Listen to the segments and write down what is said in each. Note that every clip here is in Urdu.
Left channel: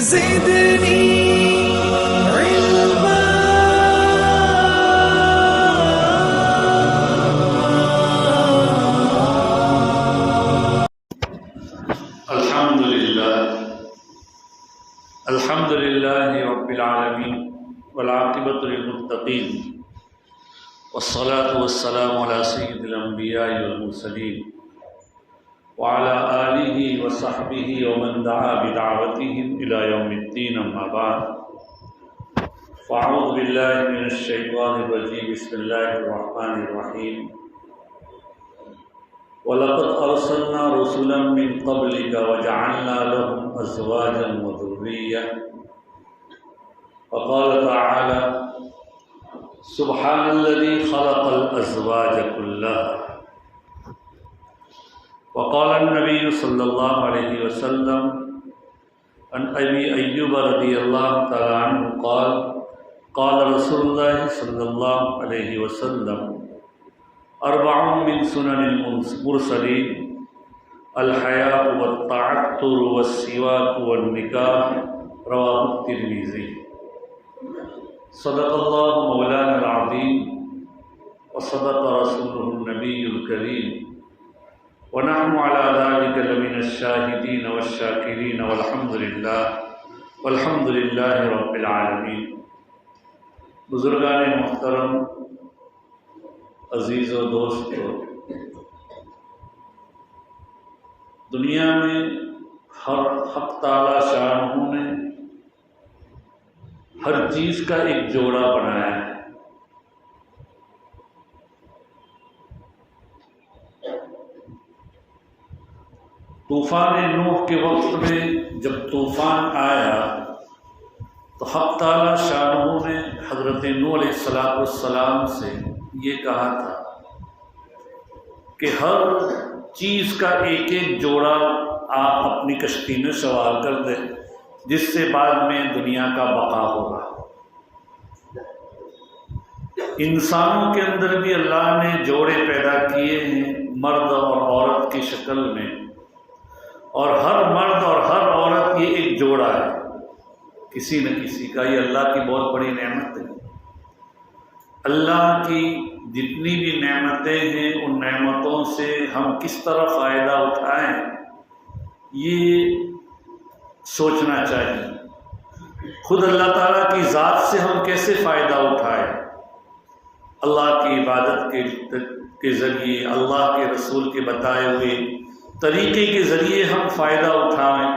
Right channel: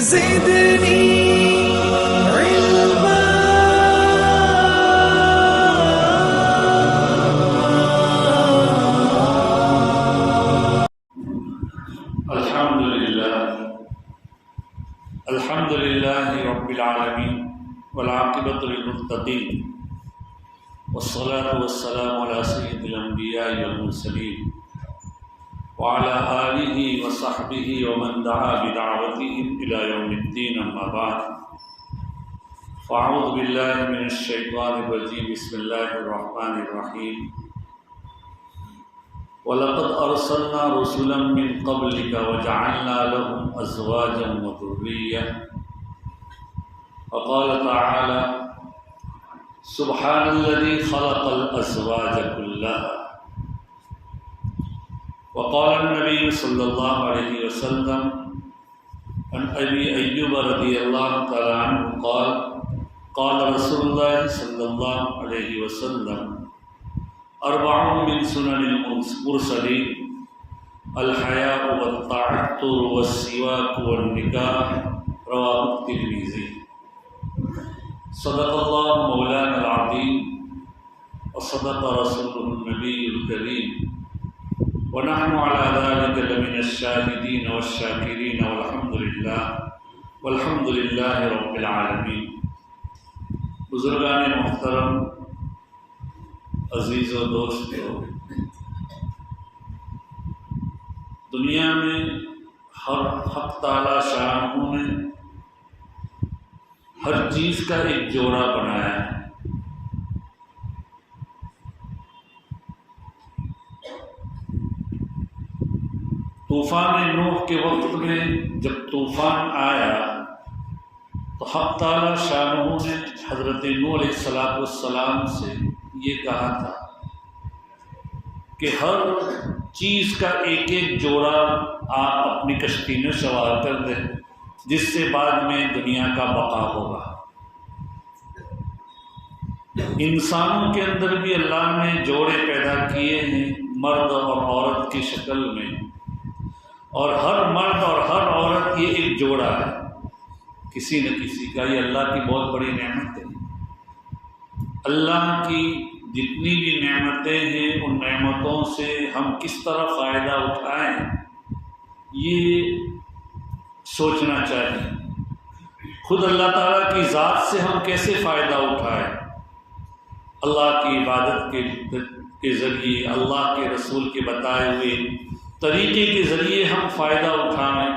زدني علما. الحمد لله رب العالمين والعاقبة للمتقين والصلاة والسلام على سيد الأنبياء والمرسلين وعلى آله وصحبه ومن دعا بدعوتهم إلى يوم الدين. أما بعد فأعوذ بالله من الشيطان الرجيم. بسم الله الرحمن الرحيم. وَلَقَدْ أَرْسَلْنَا رُسُلًا مِّن قَبْلِكَ وَجَعَلْنَا لَهُمْ أَزْوَاجًا وَذُرِّيَّةً. وقال تعالى: سبحان الذي خلق الأزواج كلها. وقال النبي صلى الله عليه وسلم عن أبي أيوب رضي الله تعالى عنه قال: قال رسول الله صلى الله عليه وسلم: أربع من سنن المرسلين الحياء والتعطر والسواك والنكاح. رواه الترمذي. صدق الله مولانا العظيم وصدق رسوله النبي الكريم ونحن على ذلك لمن الشاهدين والشاكرين والحمد لله رب العالمين. بزرگان محترم، عزیز و دوستو، دنیا میں حق تعالی شانہ نے ہر چیز کا ایک جوڑا بنایا ہے. طوفان نوح کے وقت میں جب طوفان آیا تو حق تعالی شانہ نے حضرت نوح علیہ السلام سے یہ کہا تھا کہ ہر چیز کا ایک ایک جوڑا آپ اپنی کشتی میں سوار کر دیں، جس سے بعد میں دنیا کا بقا ہوگا. انسانوں کے اندر بھی اللہ نے جوڑے پیدا کیے ہیں، مرد اور عورت کی شکل میں، اور ہر مرد اور ہر عورت یہ ایک جوڑا ہے کسی نہ کسی کا. یہ اللہ کی بہت بڑی نعمت ہے. اللہ کی جتنی بھی نعمتیں ہیں ان نعمتوں سے ہم کس طرح فائدہ اٹھائیں یہ سوچنا چاہیے. خود اللہ تعالیٰ کی ذات سے ہم کیسے فائدہ اٹھائیں. اللہ کی عبادت کے ذریعے، اللہ کے رسول کے بتائے ہوئے طریقے کے ذریعے ہم فائدہ اٹھائیں،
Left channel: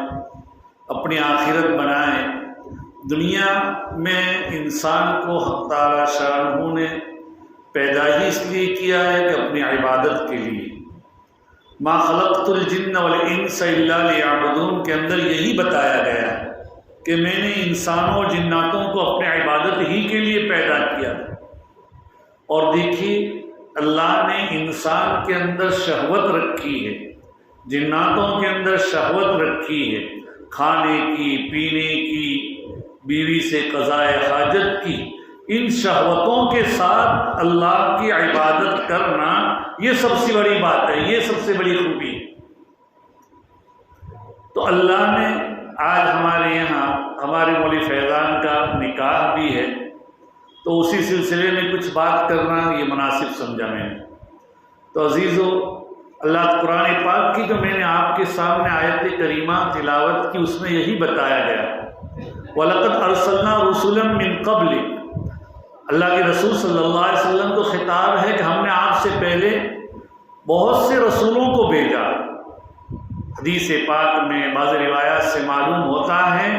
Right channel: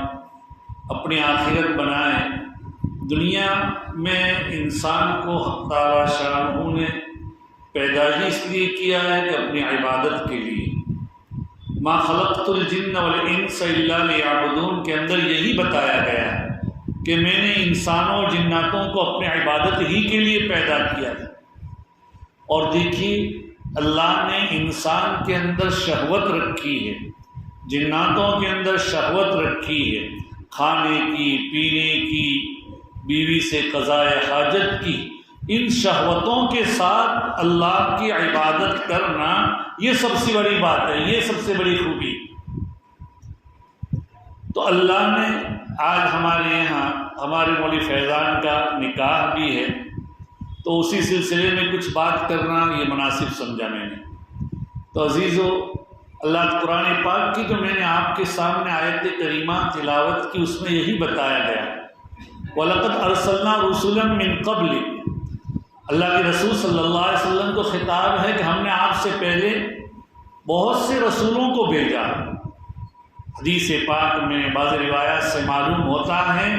اپنی آخرت بنائیں. دنیا میں انسان کو حق تعالی شانہ نے پیدا ہی اس لیے کیا ہے کہ اپنی عبادت کے لیے. ما خلقت الجن والانس الا لیعبدون کے اندر یہی بتایا گیا ہے کہ میں نے انسانوں اور جناتوں کو اپنی عبادت ہی کے لیے پیدا کیا ہے. اور دیکھیے اللہ نے انسان کے اندر شہوت رکھی ہے، جناتوں کے اندر شہوت رکھی ہے، کھانے کی، پینے کی، بیوی سے قضاء حاجت کی. ان شہوتوں کے ساتھ اللہ کی عبادت کرنا یہ سب سے بڑی بات ہے، یہ سب سے بڑی خوبی. تو اللہ نے آج ہمارے یہاں ہمارے مولوی فیضان کا نکاح بھی ہے، تو اسی سلسلے میں کچھ بات کرنا یہ مناسب سمجھا میں نے. تو عزیزو، اللہ قرآن پاک کی جو میں نے آپ کے سامنے آیت کریمہ تلاوت کی اس میں یہی بتایا گیا: وَلَقَدْ أَرْسَلْنَا رُسُلًا مِّن قَبْلِكَ. اللہ کے رسول صلی اللہ علیہ وسلم کو خطاب ہے کہ ہم نے آپ سے پہلے بہت سے رسولوں کو بھیجا. حدیث پاک میں بعض روایات سے معلوم ہوتا ہے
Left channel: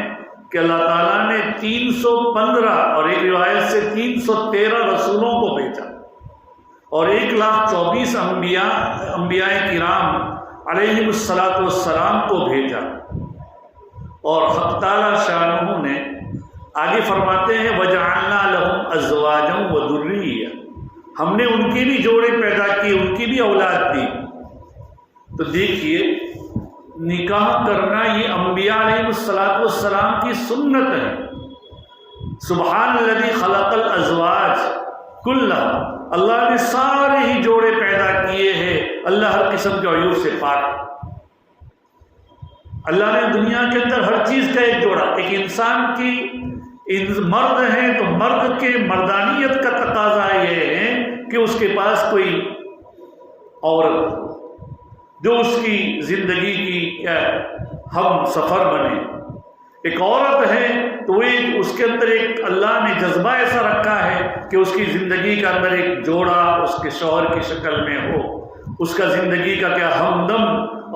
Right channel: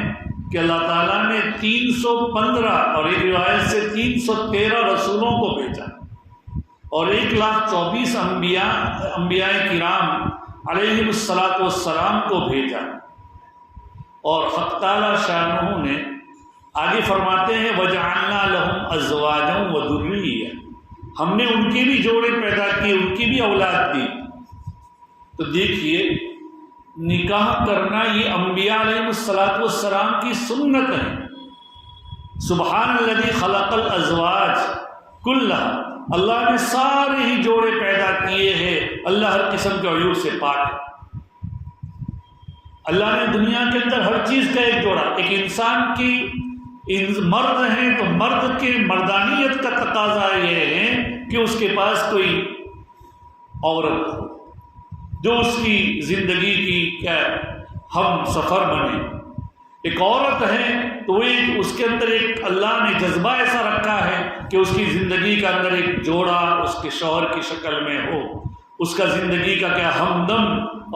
کہ اللہ تعالیٰ نے 315 اور ایک روایت سے 313 رسولوں کو بھیجا اور 124 انبیاء کرام علیہ السلام کو بھیجا. اور حق تعالی شانہ نے آگے فرماتے ہیں: وَجَعَلْنَا لَهُمْ أَزْوَاجًا وَذُرِّيَّةً. ہم نے ان کے بھی جوڑے پیدا کیے، ان کی بھی اولاد دی. تو دیکھیے نکاح کرنا یہ انبیاء علیہ السلام کی سنت ہے. سبحان الذی خلق الازواج کلها. اللہ نے سارے ہی جوڑے پیدا کیے ہیں، اللہ ہر قسم کے عیوب سے پاک ہے. اللہ نے دنیا کے اندر ہر چیز کا ایک جوڑا. ایک انسان کی مرد ہیں تو مرد کے مردانیت کا تقاضا یہ ہے کہ اس کے پاس کوئی عورت ہو جو اس کی زندگی کی کیا ہم سفر بنے. ایک عورت ہے تو اس کے اندر ایک اللہ نے جذبہ ایسا رکھا ہے کہ اس کی زندگی کا اندر ایک جوڑا اس کے شوہر کی شکل میں ہو. اس کا زندگی کا کیا ہمدم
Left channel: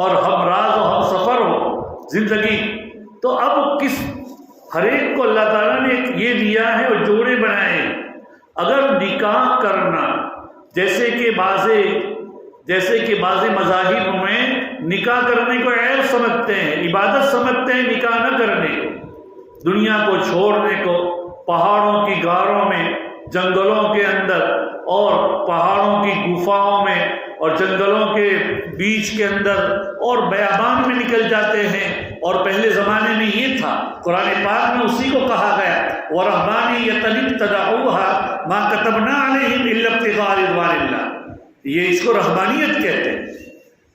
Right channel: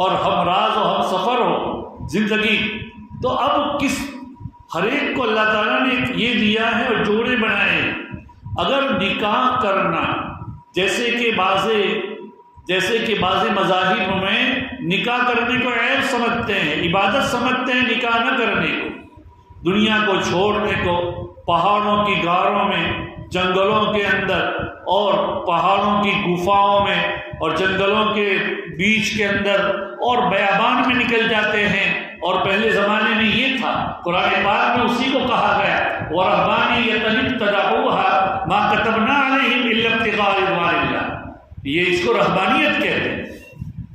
اور ہم راز و ہم سفر ہو زندگی. تو اب ہر ایک کو اللہ تعالیٰ نے یہ دیا ہے اور جوڑے بنائے. اگر نکاح کرنا جیسے کہ بعض مذاہب میں نکاح کرنے کو عیب سمجھتے ہیں، عبادت سمجھتے ہیں نکاح نہ کرنے کو، دنیا کو چھوڑنے کو، پہاڑوں کی غاروں میں، جنگلوں کے اندر اور پہاڑوں کی گفاؤں میں اور جنگلوں کے بیچ کے اندر اور بیابان میں نکل جاتے ہیں. اور پہلے زمانے میں یہ تھا، قرآن پاک میں اسی کو کہا گیا وَرَهْبَانِيَّةً ابْتَدَعُوهَا مَا كَتَبْنَا عَلَيْهِمْ إِلَّا ابْتِغَاءَ رِضْوَانِ اللَّهِ. یہ اس کو رہبانیت کہتے ہیں.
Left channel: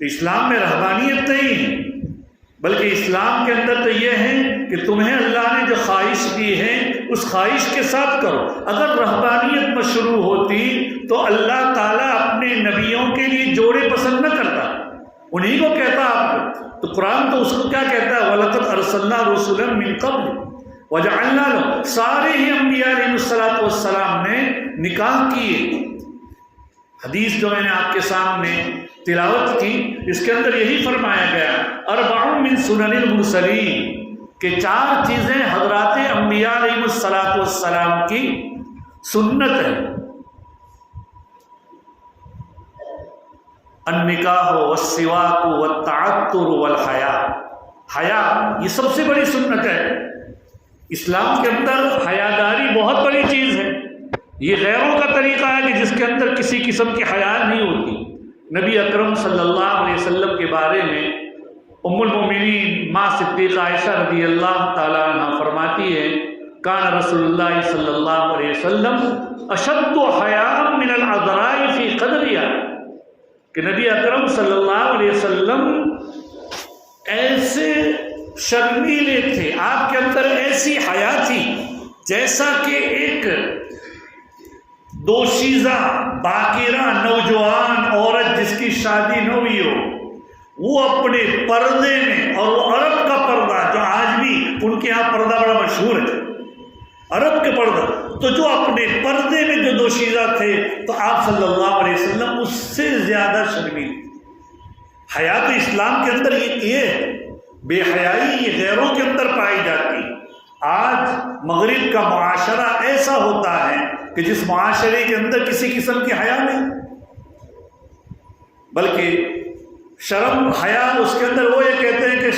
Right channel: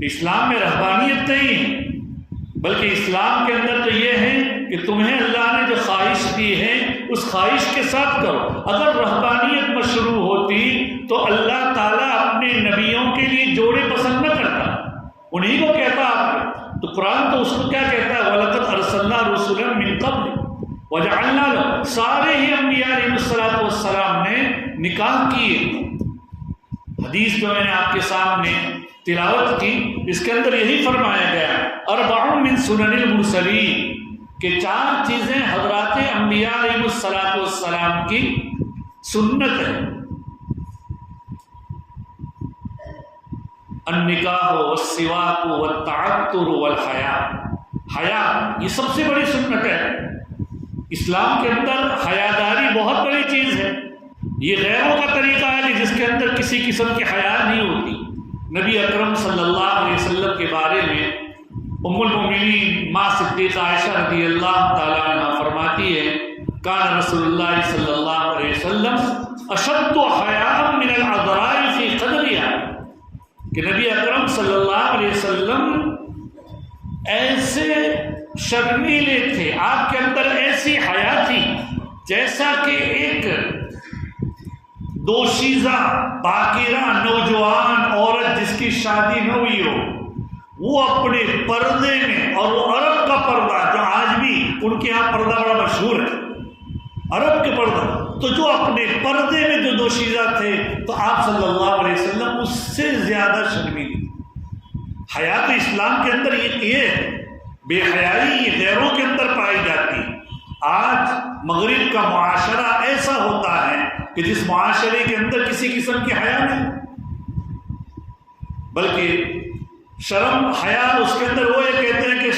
اسلام میں رہبانیت نہیں ہے، بلکہ اسلام کے اندر تو یہ ہے کہ تمہیں اللہ نے جو خواہش دی ہے اس خواہش کے ساتھ کرو. اگر رہبانیت مشروع ہوتی تو اللہ تعالیٰ اپنے نبیوں کے لیے جوڑے پسند نہ کرتا، انہی کو کہتا آپ کو. تو قرآن تو اس کو کیا کہتا ہے وَلَقَدْ أَرْسَلْنَا رُسُلًا مِّن قَبْلِ وَجَعَلْنَا لَهُمْ. سارے ہی انبیاء علیہ السلام نے نکاح کیے. حدیث جو میں نے آپ کے سامنے تلاوت کی اس کے اندر یہی فرمایا گیا اربع من سنن المرسلین کہ 4 چیزیں حضرات انبیاء علیہ السلام کی سنت ہے. النکاح والسواک والتعطر والحیا. حیا یہ سب سے بڑی سنت ہے. اسلام کے اندر حیاداری بہت بڑی چیز ہے. یہ غیروں کا طریقہ ہے کہ جس کے اندر کسی قسم کی حیا نہیں ہوتی. نبی اکرم صلی اللہ علیہ وسلم کے بارے میں ام المؤمنین ماں صدیقہ عائشہ رضی اللہ تعالیٰ عنہ فرماتی ہے کان رسول اللہ صلی اللہ علیہ وسلم اشد حیاء من العذراء فی قدرها کہ نبی اکرم صلی اللہ علیہ وسلم ایسے شرمیلے تھے، آپ کے اندر ایسی حیا تھی جیسا کہ ایک دوشیزہ باکرہ نوجوان عورت جس کی شادی نہ ہوئی ہو وہ اپنے پردے میں، اور وہ عرب کا پردہ جو آج بھی ان کے یہاں پردہ بڑا مشہور ہے عرب کے پردہ، تو جو اپنے پردے میں جو دوشیزہ تھے تو آپ صلی اللہ علیہ وسلم اس سے زیادہ شرمیل. حیات اسلام کے اندر یہ ہے، بے حیائی یہ غیروں کے اندر پائی جاتی ہے. آج مغرب کا معاشرہ ایسا ہوتا ہے کہ جس معاشرے کے اندر کسی قسم کی حیا نہیں، بلکہ شرم حیا اس کے اندر وہ یہ کہتے ہیں کہ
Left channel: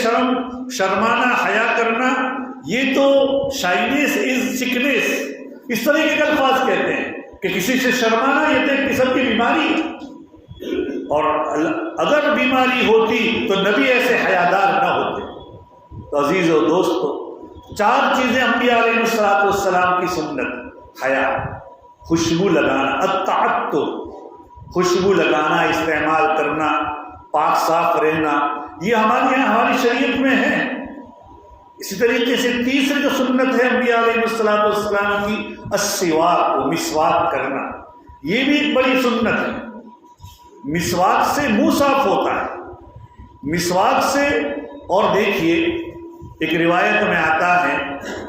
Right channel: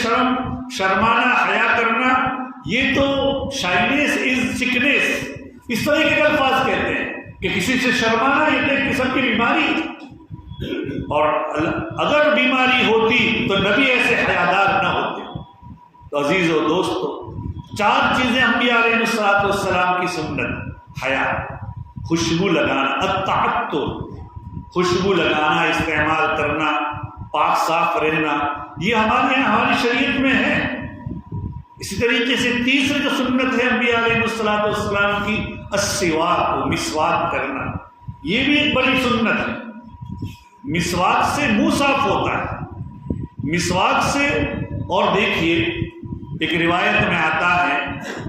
شرمانا حیا کرنا یہ تو شائنیس از چکنیس، اس طرح کے الفاظ کہتے ہیں کہ کسی سے شرمانا یہ تو ایک قسم کی بیماری ہے. اور اگر بیماری ہوتی تو نبی ایسے حیادار نہ ہوتے. تو عزیز و دوستو 4 چیزیں انبیاء علیہ السلام کی سنت: حیا، خوشبو لگانا، التعطر خوشبو لگانا، استعمال کرنا، پاک صاف رہنا، یہ ہماری شریعت میں ہے. اسی طریقے سے تیسری جو سنت ہے انبیاء علیہ السلام کی السواک، مسواک کرنا، یہ بھی ایک بڑی سنت ہے. مسواک سے منہ صاف ہوتا ہے، مسواک سے. اور دیکھیے ایک روایت میں آتا ہے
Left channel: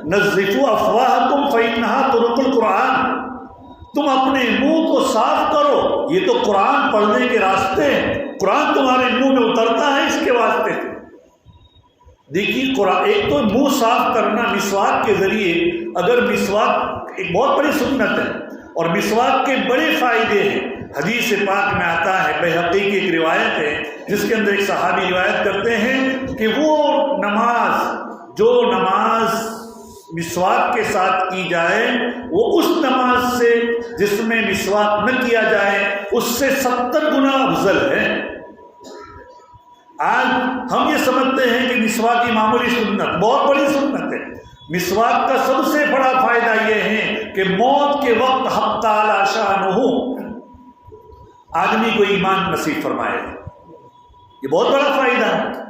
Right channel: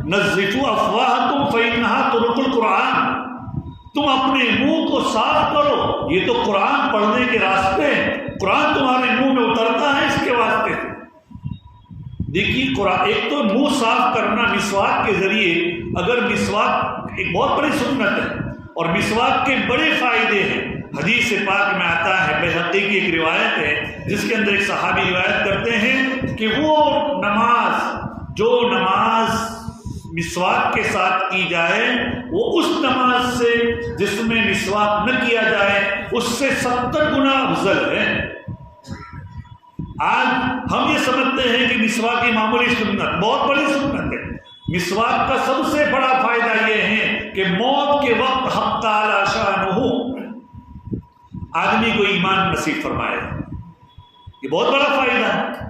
نظفوا افواہکم فإنہا طرق القرآن، تم اپنے منہ کو صاف کرو، یہ تو قرآن پڑھنے کے راستے ہیں، قرآن تمہارے منہ میں اترتا ہے اس کے واسطے. دیکھیے قرآن ایک تو منہ صاف کرنا مسواک کے ذریعے، اگر مسواک ایک بہت بڑی سنت ہے اور مسواک کے بڑے فائدے ہیں. حدیث پاک میں آتا ہے، بہقی کی ایک روایت ہے جس کے اندر ایک صحابی روایت کرتے ہیں کہ وہ جو نماز مسواک کے ساتھ کی جائے وہ اس نماز سے جس میں مسواک نہ کیا جائے اس سے 70 گنا افضل ہے. آج ہم یہ سمجھتے ہیں کہ مسواک کی معمولی سنت بہت بڑی سنت ہے. مسواک کا سب سے بڑا فائدہ یہ ہے کہ موت کے وقت حق تعالی شانہ آدمی کو ایمان نصیب فرمائے. یہ بہت بڑا فائدہ ہے.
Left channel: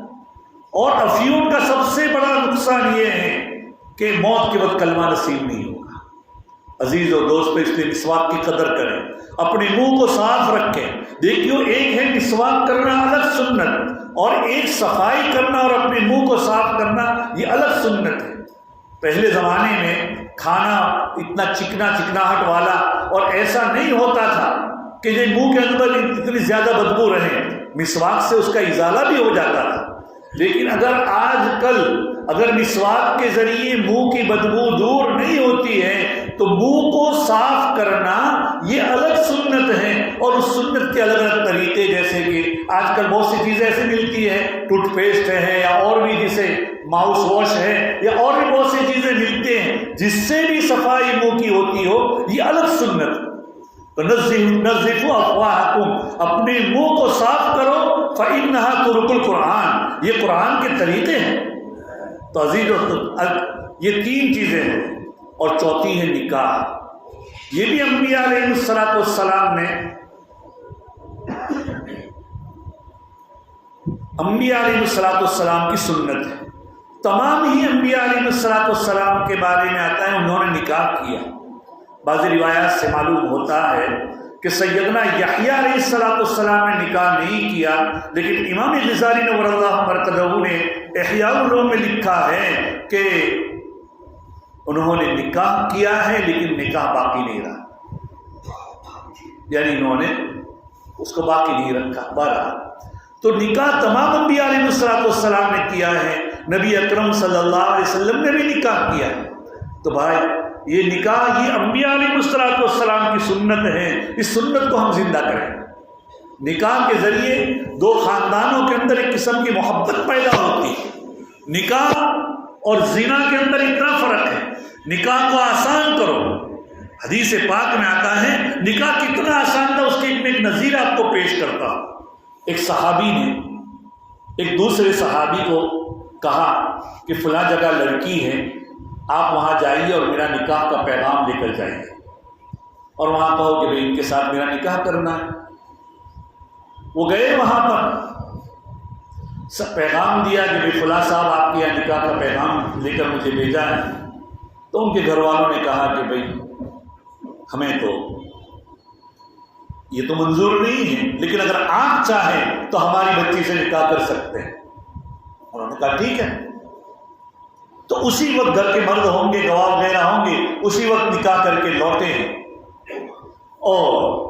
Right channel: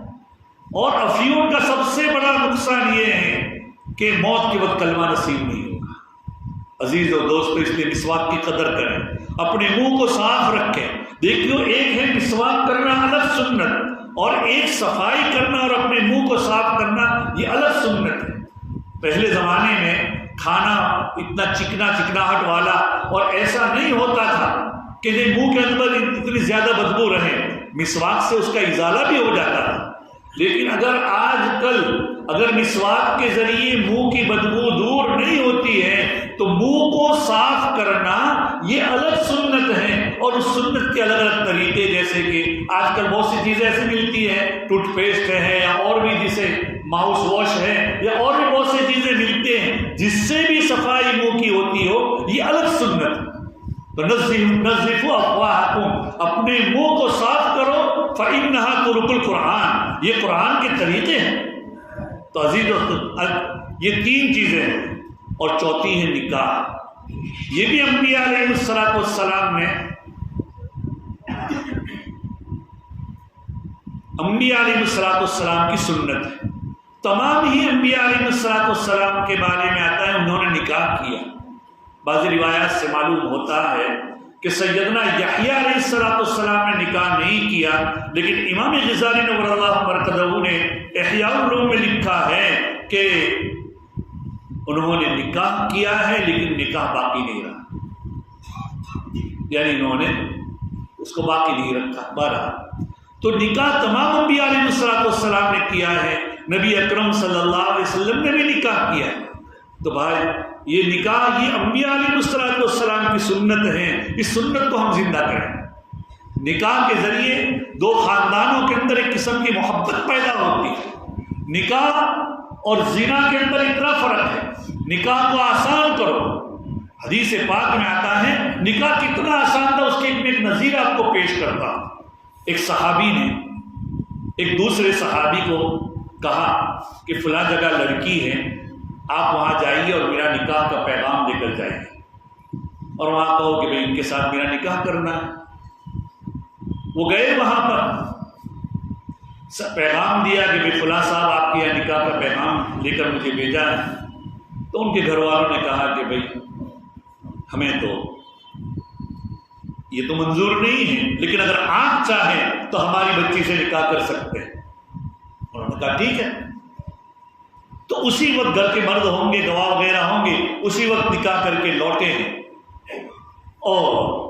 اور افیون کا سب سے بڑا نقصان یہ ہے کہ موت کے وقت کلمہ نصیب نہیں ہوگا۔ عزیز و دوستو، اس لیے مسواک کی قدر کریں، اپنے منہ کو صاف رکھیں۔ دیکھیو، ایک ہے مسواک کرنا الگ سنت، اور ایک صفائی کرنا اور اپنے منہ کو صاف کرنا یہ الگ سنت ہے۔ پہلے زمانے میں کھانا اتنا چکناہٹ والا اور ایسا نہیں ہوتا تھا کہ یہ منہ کے اندر اتنی زیادہ بدبو رہے، مسواک سے اس کا ازالہ بھی ہو جاتا تھا۔ لیکن آج کل اگر مسواک کے ذریعے منہ کی بدبو دور نہیں ہوتی ہے تو منہ کو صاف کرنا یہ الگ سنت ہے، اور اس سنت کے الگ الگ طریقے، جیسے کہ آج کل بہت سی چیزیں ایسے ملتی ہیں، ٹوتھ پیسٹ ہے یا اور بھی جسے ماؤس واش ہے یا اور بھی بہت سی چیزیں ملتے ہیں جس سے بھی صفائی منہ کی ہوتی ہو، یہ الگ سنت۔ تو نظفوا افواہکم، اپنے منہ کو صاف کرو، فإنہا طرق القرآن، یہ قرآن کے طریقے ہیں۔ تو عزیز یہ تین چیزیں ہیں، اور چوتھی ہے نکاح۔ یہ بھی انبیاء علیہ السلام نے انبیاء علیہ السلام کی سنت ہے۔ تمام ہی انبیاء علیہ السلام کے بارے میں آتا ہے انہوں نے نکاح کیا۔ بعض روایات سے معلوم ہوتا ہے کہ سیدنا یحییٰ علیہ السلام نے نکاح نہیں کیا، لیکن امام غزالی نور اللہ مرقدہ نے احیاء العلوم میں لکھا ہے کہ انہوں نے نکاح کیا ہے لیکن نکاح باقی نہیں رہا، یعنی انہوں نے اس کو باقی نہیں رکھا۔ بہرحال تو نکاح تمام انبیاء علیہ السلام نے کیا ہے، نبی اکرم صلی اللہ علیہ وسلم نے بھی نکاح کیا ہے۔ تو بھائی یہ نکاح یہ انبیاء علیہ السلام کی سنت ہے، اس سنت کو ہم زندہ کریں۔ نکاح کے ذریعے دو خاندانوں کے اندر ایک قسم کی محبت پیدا ہوتی ہے۔ نکاح اور زنا کے اندر اتنا فرق ہے، نکاح کو آسان کرو۔ حدیث پاک میں آتا ہے نکاح کتنا آسان تھا، اس کے ایک نظیر آپ کو پیش کرتا ہوں۔ ایک صحابی نے ایک دوسرے صحابی کو کہا کہ فلاں جگہ لڑکی ہے، آپ وہاں جائیے اور میرا نکاح کا پیغام لے کر جائیے، اور وہاں کہو کہ بھئی ان کے ساتھ میرا نکاح کرنا ہے۔ وہ گئے وہاں پر، پیغام دیا کہ بھئی فلاں صاحب آپ کے یہاں نکاح کا پیغام لے کر مجھے بھیجا ہے۔ تو ان کے گھر والوں نے کہا کہ بھئی ہمیں تو یہ تو منظور نہیں ہے، لیکن اگر آپ چاہیں تو ہماری بچی سے نکاح کر سکتے ہیں۔ انہوں نے کہا ٹھیک ہے۔ تو اسی وقت گھر کے مرد ہوں گے، گواہ وغیرہ ہوں گے، اسی وقت نکاح کر کے لوٹے ہیں، اور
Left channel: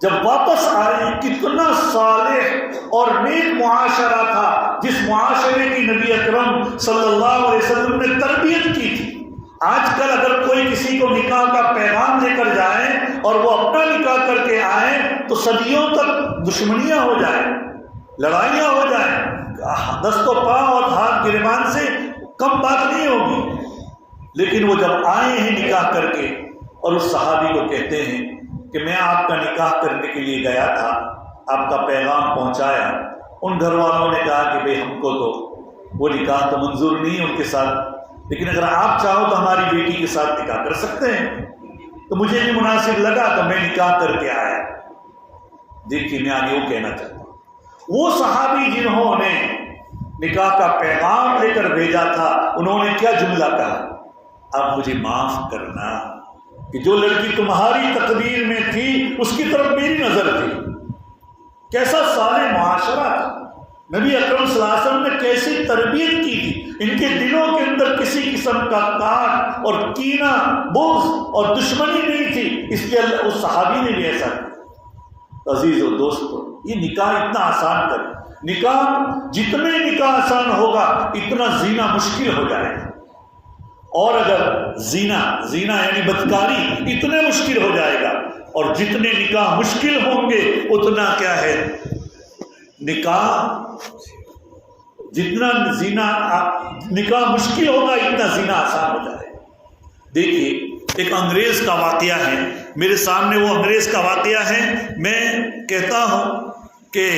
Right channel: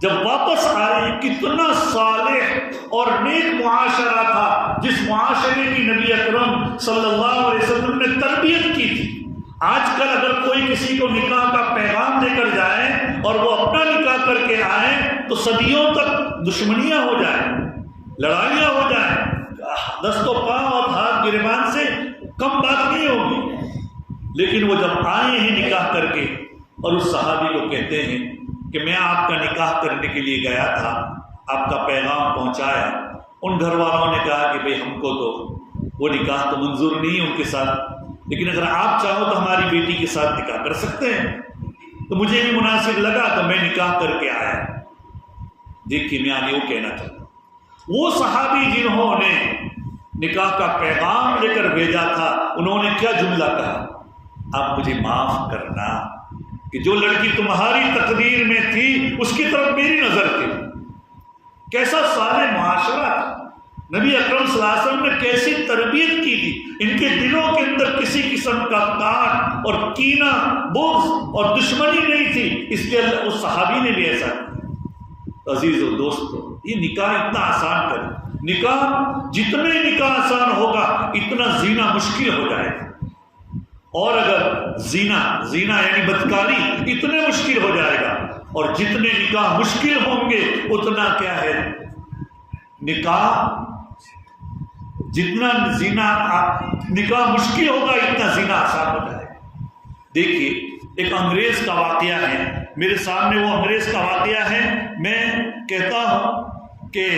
جب واپس آئے کتنا صالح اور نیک معاشرہ تھا، جس معاشرے کی نبی اکرم صلی اللہ علیہ وسلم نے تربیت کی تھی۔ آج کل اگر کوئی کسی کو نکاح کا پیغام لے کر جائے اور وہ اپنا نکاح کر کے آئے تو صدیوں تک دشمنیاں ہو جائیں، لڑائیاں ہو جائیں، دست و پاؤں اور ہاتھ گریبان سے کم بات نہیں ہوگی۔ لیکن وہ جب آئے ہیں نکاح کر کے اور اس صحابی کو کہتے ہیں کہ میں آپ کا نکاح کرنے کے لیے گیا تھا، آپ کا پیغام پہنچایا، ان گھر والوں نے کہا کہ بھئی ہم کو تو وہ نکاح تو منظور نہیں ہے ان کے ساتھ، لیکن اگر آپ چاہو تو ہماری بیٹی کے ساتھ نکاح کر سکتے ہیں۔ تو مجھے بھی مناسب لگا تو میں نکاح کر کے آیا۔ دیکھیے میں آگے وہ کہنا چاہتا ہوں، وہ صحابی جنہوں نے نکاح کا پیغام لے کر بھیجا تھا، انہوں نے کیا جملہ کہا؟ اب مجھے معاف کرنا کہ جو لڑکی تمہاری تقدیر میں تھی اس کی طرف میری نظر تھی۔ کیسا صالح معاشرہ تھا، نبی اکرم صلی اللہ علیہ وسلم نے کیسی تربیت کی تھی، ان کے دلوں کے اندر کسی قسم کا کاٹ اور کینہ، بغض اور دشمنی نہیں تھی، اس لیے اس صحابی نے بھی ایسا کیا۔ عزیز و دوستو، یہ نکاح اتنا آسان کر، نکاح جتنے نکاح آسان ہوگا اتنا زینا مشکل ہو جائے گا، اور اگر زینا یعنی بدکاری اتنے مشکل ہو جائے گا، اور جتنے نکاح مشکل ہوں گے اتنا کیا ہے نکاح، جتنا نکاح مشکل ہوگا اتنا زنا آسان ہو جائے گا۔ دیکھیے ایک انگریز کا واقعہ ہے، میرے سامنے وہ انگریز کا واقعہ ہے۔ میں کہتا ہوں کہ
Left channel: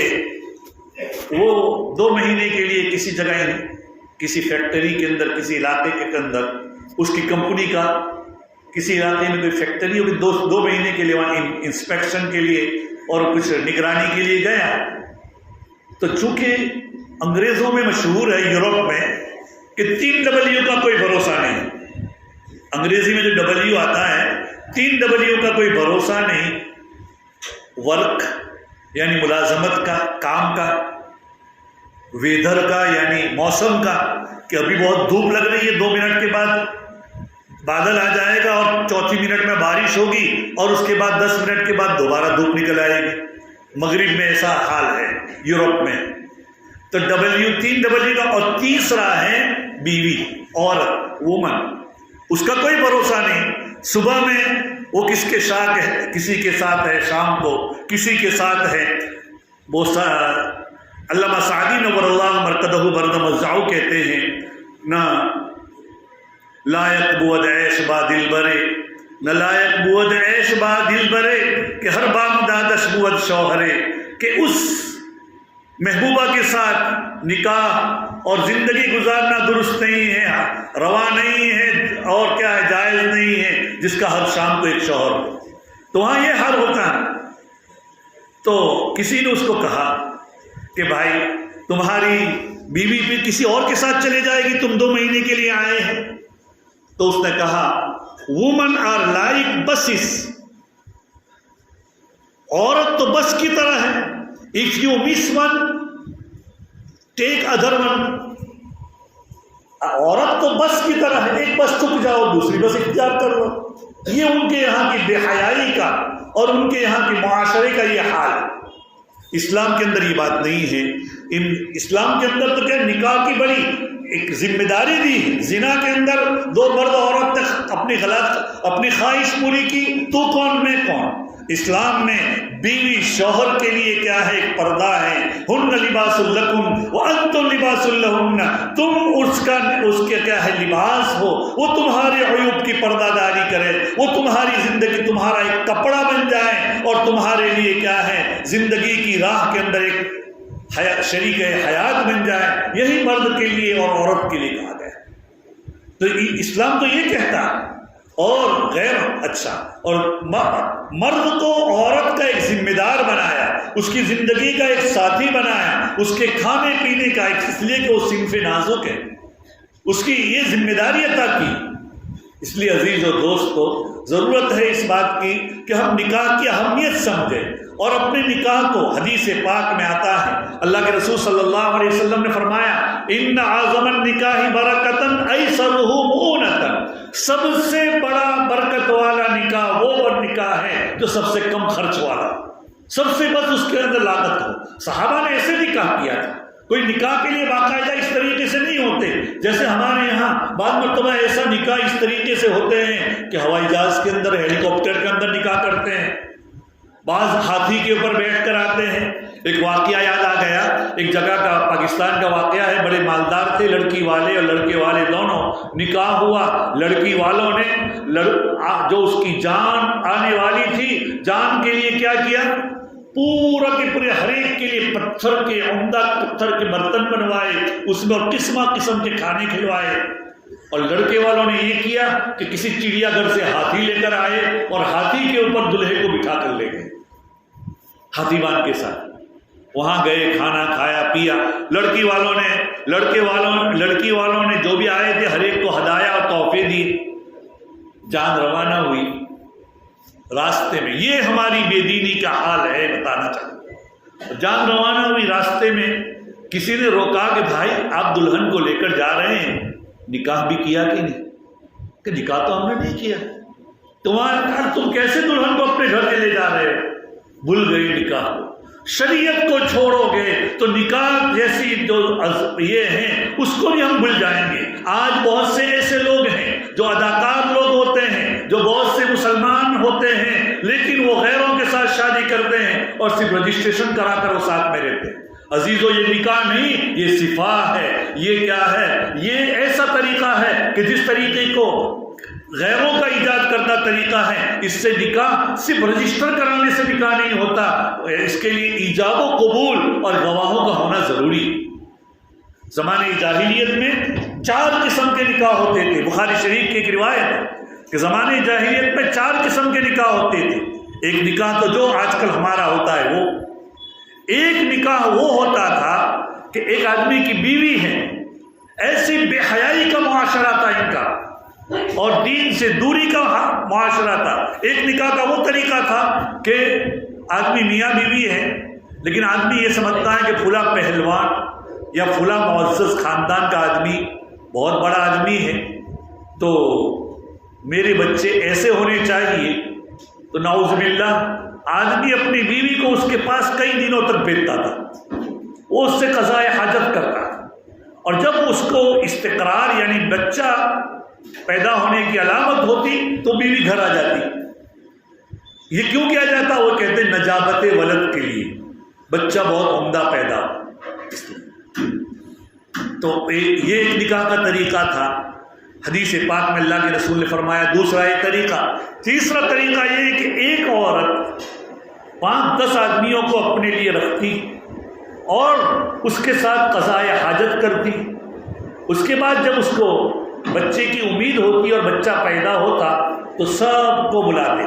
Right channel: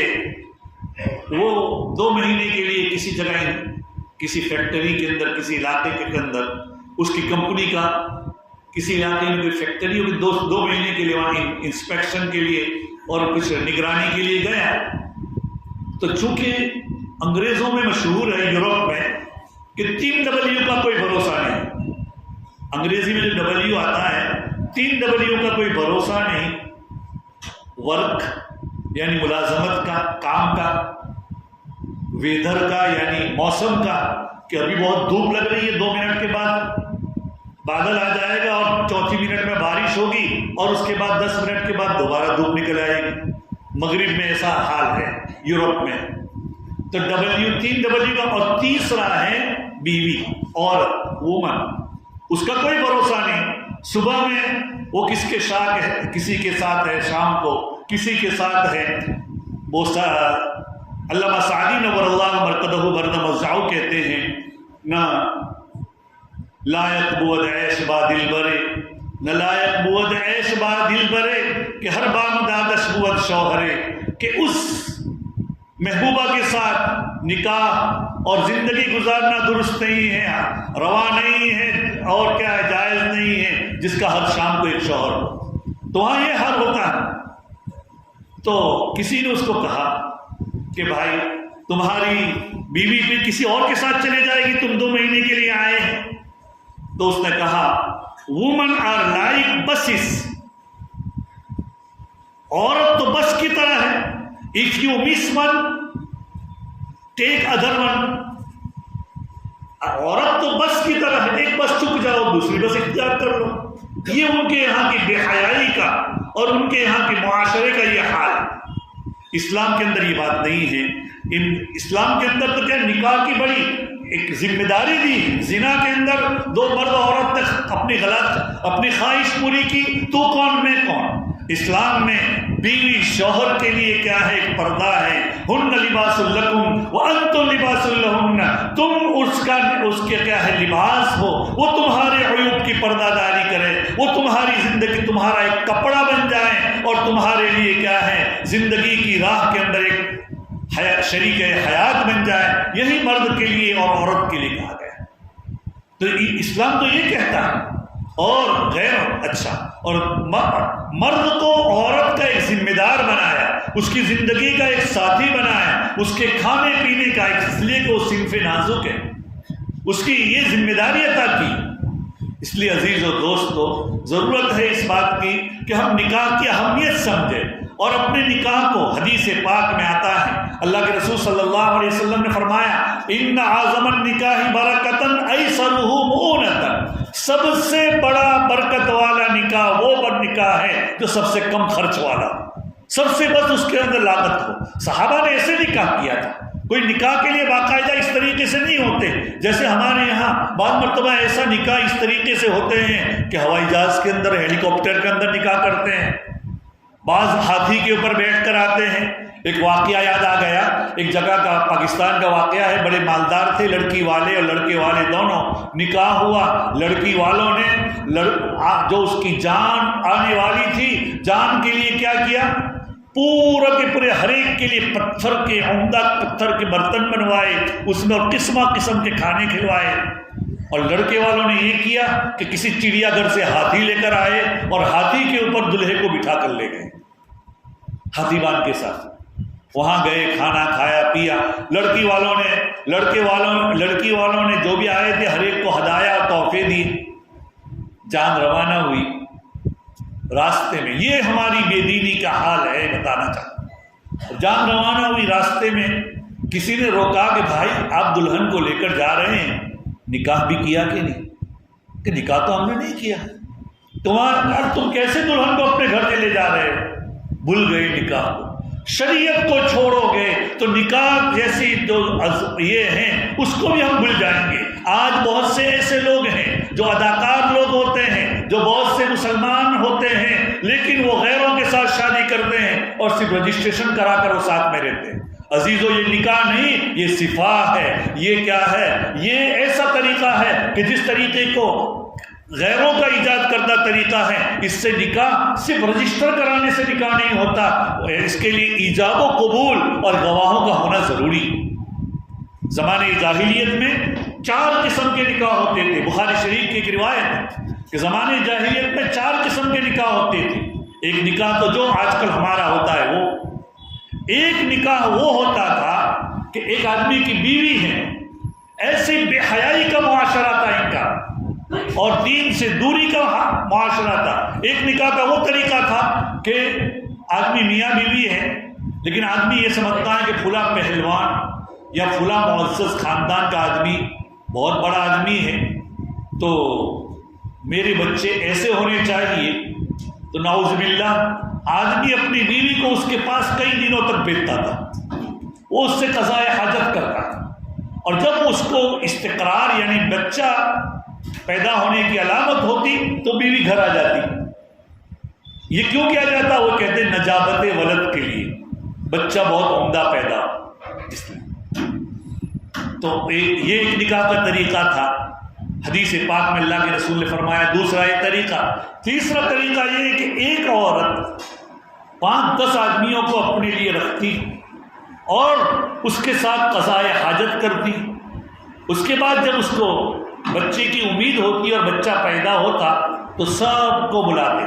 وہ 2 مہینے کے لیے کسی جگہ، کسی فیکٹری کے اندر، کسی علاقے کے اندر، اس کی کمپنی کا کسی علاقے میں کوئی فیکٹری ہوگی، 2 مہینے کے لیے وہاں انسپیکشن کے لیے اور کچھ نگرانی کے لیے گیا۔ تو چونکہ انگریزوں میں مشہور ہے یورپ میں کہ 3 W کا کوئی بھروسہ نہیں. انگریزی میں جو W آتا ہے 3 W کا کوئی بھروسہ نہیں. ورک یعنی ملازمت کا، کام کا، ویدر کا یعنی موسم کا کہ ابھی بہت دھوپ لگ رہی ہے، 2 منٹ کے بعد بادل آ جائے گا اور چوتھی منٹ میں بارش ہوگی اور اس کے بعد 10 منٹ کے بعد دوبارہ دھوپ نکل آئے گی. مغرب میں ایسا حال ہے یورپ میں. تو W 3 W کا. اور تیسرا ہے بیوی، عورت، وومن. اس کا کوئی بھروسہ نہیں. صبح میں وہ کس کے ساتھ ہے، کسی کے ساتھ ہے، شام کو کسی کے ساتھ ہے. وہ علامہ سعدی نور اللہ مرقدہ برد مزعو کہتے ہیں نہ لائق بود عیش با دل برے، نہ لائق بود عیش با دل برے کہ ہر بام دادش بود شوہرے، کہ اس محبوبہ کے ساتھ نکاح اور زندگی گزارنا درست نہیں ہے، روا نہیں ہے، اور کیا ہے، جائز نہیں ہے جس کا ہر شام کو ایک شوہر ہو. تو وہاں یہ حال ہوتا ہے. تو کسی نے اس کو کہا کہ بھائی تمہاری بیوی بھی کسی اور کے ساتھ چلے جائے گی، تم 2 مہینے کے لیے آئے ہیں. تو اس نے کہا وومن آر لائک بسز، عورت تو بس کی طرح ہے. If you miss one take other one. عورت تو بس کی طرح ہے، ایک بس چک جاؤ دوسری بس اختیار کر لو. یہ ان کے یہاں کی بے حیائی کا اور ان کے یہاں کے معاشرے کا یہ حال ہے. اسلام کے اندر یہ بات نہیں ہے. اسلام کے اندر تو کیا نکاح کی بڑی ایک ذمہ داری دی. زنا کے اندر 2 مرد اور عورت نے اپنی خواہش پوری کی، تو کون میں کون. اسلام میں بیوی شوہر کے لیے کیا ہے، ایک پردہ ہے. ہن لباس لکم وانتم لباس لہن. تم اس کے کیا ہے لباس ہو، وہ تمہارے عیوب کی پردہ داری کرے، وہ تمہاری زندگی تمہارا ایک کپڑا بن جائے اور تمہارے لیے کیا ہے زندگی کی راہ کے اندر ایک شریک حیات بن جائے. یہی مرد کے لیے اور عورت کے لیے کہا گیا. تو اسلام تو یہ کہتا ہے. اور غیر اچھا، اور مرد کو عورت کا ایک ذمہ دار بنایا، اس کی زندگی کا ایک ساتھی بنایا، اس کے کھانے پینے کا، اس لیے کہ وہ صنف نازک ہے، اس کی یہ ذمہ داری عطا کی. اس لیے عزیز و دوستو ضرورت ہے اس بات کی کہ ہم نکاح کی اہمیت سمجھیں اور اپنے نکاح کو. حدیث پاک میں آتا ہے اللہ کے رسول صلی اللہ علیہ وسلم نے فرمایا ان اعظم النکاح برکتاً ایسرہ مؤونۃ. سب سے بڑا برکت والا نکاح وہ نکاح ہے جو سب سے کم خرچ والا، سب سے بس اس کے اندر لاگت ہو. صحابہ نے ایسے نکاح کیا تھا. کوئی نکاح کے لیے باقاعدہ اس طریقے سے نہیں ہوتے جیسے ہمارے یہاں بعض مرتبہ ایسا نکاح اس طریقے سے ہوتے ہیں کہ ہوائی جہاز کے اندر، ہیلی کاپٹر کے اندر نکاح کرتے ہیں، بعض ہاتھی کے اوپر بیٹھ کر آتے ہیں. ایک واقعہ یاد آ گیا، ایک جگہ کا پاکستان کا واقعہ ہے. بڑے مالدار تھے لڑکی والے اور لڑکے والے دونوں. نکاح ہوا، لڑکی والوں نے جو اس کی جان آنے والی تھی، جان کے لیے کیا کیا، پورا کے پورے ہر ایک کے لیے پتھر کے، عمدہ پتھر کے برتن بنوائے، اس میں قسم قسم کے کھانے کھلوائے. اور لڑکے والوں نے یہ کیا کہ کسی چڑیا گھر سے ہاتھی لے کر آئے اور ہاتھی کے اوپر دلہے کو بٹھا کر لے گئے، ہاتھی بان کے ساتھ. وہاں گئے، کھانا کھایا پیا. لڑکی والوں نے جو بھی آئے تھے ہر ایک کو ہدایا اور تحفے دیے. جان روانہ ہوئی. راستے میں یہ ہماری بے دینی کا حال ہے، بتانا چاہتا. جان روانہ ہوئی، راستے میں کسی نے روکا کہ بھائی آپ دلہن کو لے کر جا رہے ہیں، نکاح بھی کیا کہ نہیں؟ کہ نکاح تو ہم نے نہیں کیا. تم کیسے دلہن کو اپنے گھر لے جا رہے ہو؟ بھول گئے نکاح کو. شریعت کو چھوڑو گے تو نکاح جیسی جو یہ ہیں اس کو بھی ہم بھول جائیں گے. آج بہت سے ایسے لوگ ہیں جو اداکار لوگ ہوتے ہیں، جو بہت سے مسلمان ہوتے ہیں، لیکن وہ غیروں کے ساتھ شادی کرتے ہیں اور صرف رجسٹریشن کرا کر وہ ساتھ میں رہتے ہیں. عزیزو یہ نکاح نہیں، یہ صفاح ہے. یہ کیا ہے؟ یہ ایسا طریقہ ہے کہ جس طریقے کو غیروں کا ایجاد کردہ طریقہ ہے، اس سے نکاح صرف رجسٹر کرانے سے نکاح نہیں ہوتا، اس کے لیے ایجاب و قبول اور گواہوں کا ہونا ضروری. زمانے جاہلیت میں 4 قسم کے نکاح ہوتے تھے. بخاری شریف کی ایک روایت ہے کہ زمانے جاہلیت میں 4 قسم کے نکاح ہوتے تھے. ایک نکاح تو جو آج کل ہمارا ہوتا ہے، وہ ایک نکاح وہ ہوتا تھا کہ ایک آدمی کی بیوی ہے، ایسی بے حیائی کا معاشرہ تھا ان کا اور دین سے دوری کا معاشرہ تھا۔ ایک نکاح کا وہ طریقہ تھا کہ آدمی میاں بیوی ہے، لیکن آدمی یہ سمجھتا ہے کہ فلاں پہلوان یا فلاں معزز خاندان کا آدمی بہت بڑا آدمی ہے تو میرے بچے ایسے ہونے چاہیے، تو نعوذ باللہ آدمی اپنی بیوی کو اس کے پاس کئی دنوں تک بھیجتا تھا، وہ اس سے قضاء حاجت کرتا، اور جب اس کو استقرار یعنی بچہ پیدا ہونے کی علامت ہوتی تو بیوی گھر آ جاتی۔ یہ کیوں کیا جاتا؟ وہ کہتے ہیں نجابت ولد کے لیے، بچہ بہت عمدہ پیدا اس لیے۔ تو یہ ایک نکاح کا طریقہ تھا۔ حدیث پاک میں اللہ کے رسول نے فرمایا دوسرا ایک طریقہ۔ تیسرا طریقہ یہ ہے کہ ایک عورت 5-10 آدمیوں کو اپنے لیے رکھتی اور اس کے ساتھ قضاء حاجت کرتی، اس کے بعد جب اس کو بچے کی امید ہوتی اور بچہ پیدا ہوتا تو سب کو بلاتے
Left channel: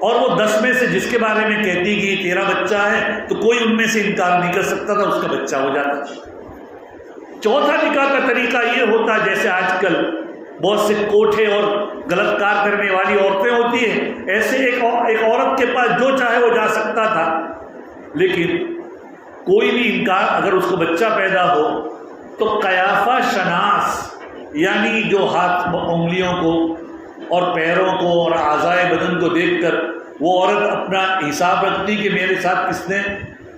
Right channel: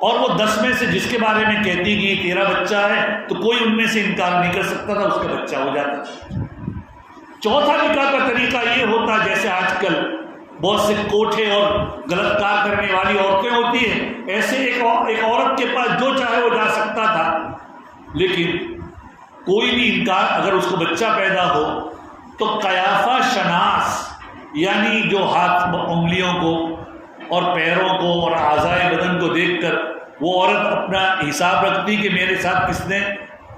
اور وہ 10 میں سے جس کے بارے میں کہتی کہ یہ تیرا بچہ ہے تو کوئی ان میں سے انکار نہیں کر سکتا تھا، اس کا بچہ ہو جاتا۔ چوتھا نکاح کا طریقہ یہ ہوتا جیسے آج کل بہت سے کوٹھے اور غلط کار کرنے والی عورتیں ہوتی ہیں، ایسے ایک عورت کے پاس جو چاہے وہ جا سکتا تھا، لیکن کوئی بھی انکار، اگر اس کو بچہ پیدا ہو تو قیافہ شناس یعنی جو ہاتھ انگلیوں کو اور پیروں کو اور اعضائے بدن کو دیکھ کر وہ عورت اپنا حساب رکھتی کہ میرے ساتھ کس نے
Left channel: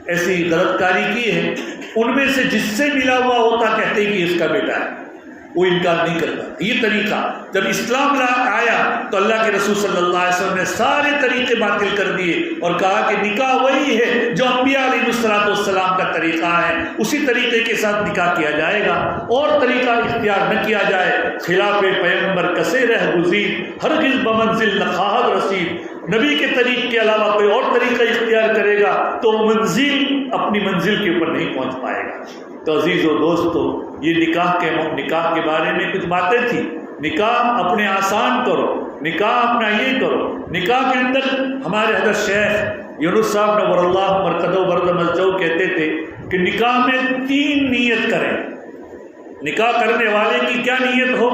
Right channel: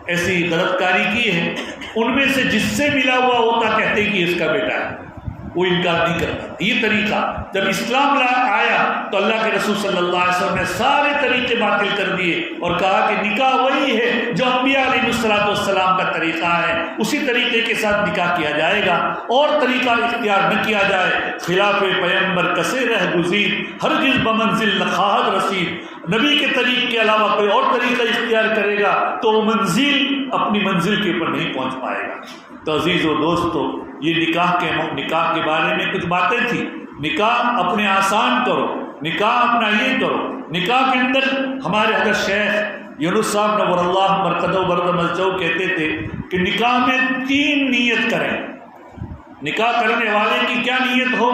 ایسی غلط کاری کی ہے، ان میں سے جس سے ملا ہوا ہوتا کہتے کہ اس کا بیٹا ہے، وہ انکار نہیں کرتا۔ یہ طریقہ جب اسلام آیا تو اللہ کے رسول صلی اللہ علیہ وسلم نے سارے طریقے باطل کر دیے اور کہا کہ نکاح وہی ہے جو انبیاء علیہ السلام کا طریقہ ہے، اسی طریقے کے ساتھ نکاح کیا جائے گا، اور طریقہ اختیار نہ کیا جائے۔ خلاف پیغمبر کسے رہ گزیر، ہرگز بمنزل نخواہد رسید، نبی کے طریق کے علاوہ کوئی اور طریقہ اختیار کرے گا تو وہ اپنی منزل کے اوپر نہیں پہنچ پائے گا۔ تو عزیز و دوستو، یہ نکاح کے بارے میں کچھ باتیں تھیں۔ نکاح اپنے آسان کرو، نکاح اپنا یہ کرو۔ نکاح کے اندر ہمارے حضرت شیخ یونس صاحب نور اللہ مرقدہ برد مزدو کہتے تھے کہ نکاح میں 3 نیت کریں۔ نکاح کرنے والے کی کیا نیت ہو؟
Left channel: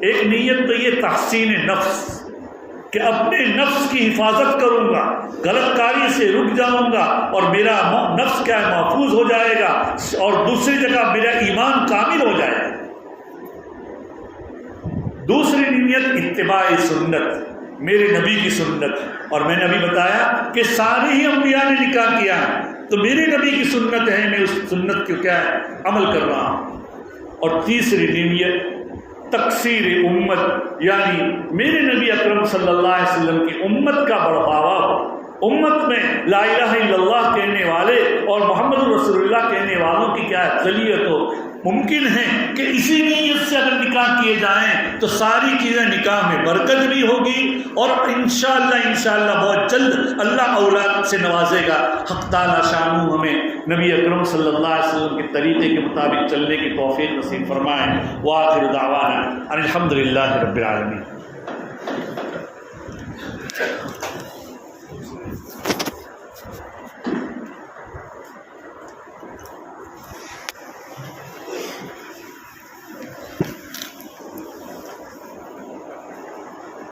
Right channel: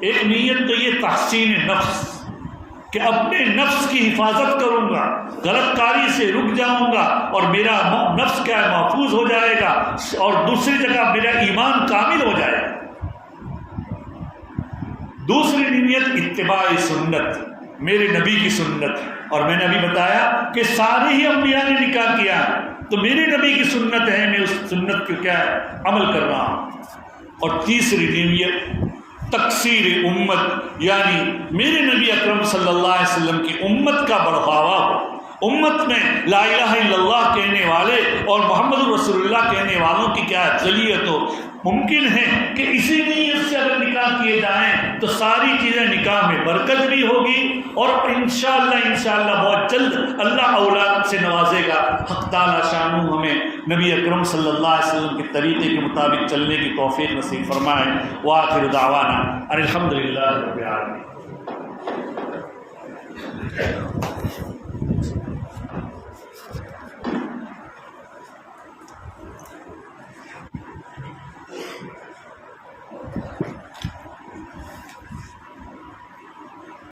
ایک نیت تو یہ تحسین نفس کہ اپنے نفس کی حفاظت کروں گا، غلط کاری سے رک جاؤں گا اور میرا نفس کیا محفوظ ہو جائے گا، اور دوسری جگہ میرا ایمان کامل ہو جائے گا۔ دوسری نیت اتباع سنت، میرے نبی کی سنت، اور میں نے ابھی بتایا کہ سارے ہی انبیاء نے نکاح کیا ہے تو میرے نبی کی سنت ہے، میں اس سنت کو کیا ہے عمل کر رہا ہوں۔ اور تیسری نیت تکثیر امت، یعنی میرے نبی اکرم صلی اللہ علیہ وسلم کی امت کا بڑھاوا ہو، امت میں لا الہ الا اللہ کہنے والے اور محمد رسول اللہ کہنے والوں کی کیا اقلیت ہو۔ ممکن ہے کہ اسی نیت سے اگر نکاح کیے جائیں تو ساری چیزیں نکاح میں برکت بھی ہوگی، اور انشاءاللہ بہت جلد اللہ اولاد سے نوازے گا۔ حق تعالی شانہ ہمیں نبی اکرم صلی اللہ علیہ وسلم کے طریقے کے مطابق چلنے کی توفیق نصیب فرمائے۔ وآخر دعوانا الحمدللہ رب العالمین۔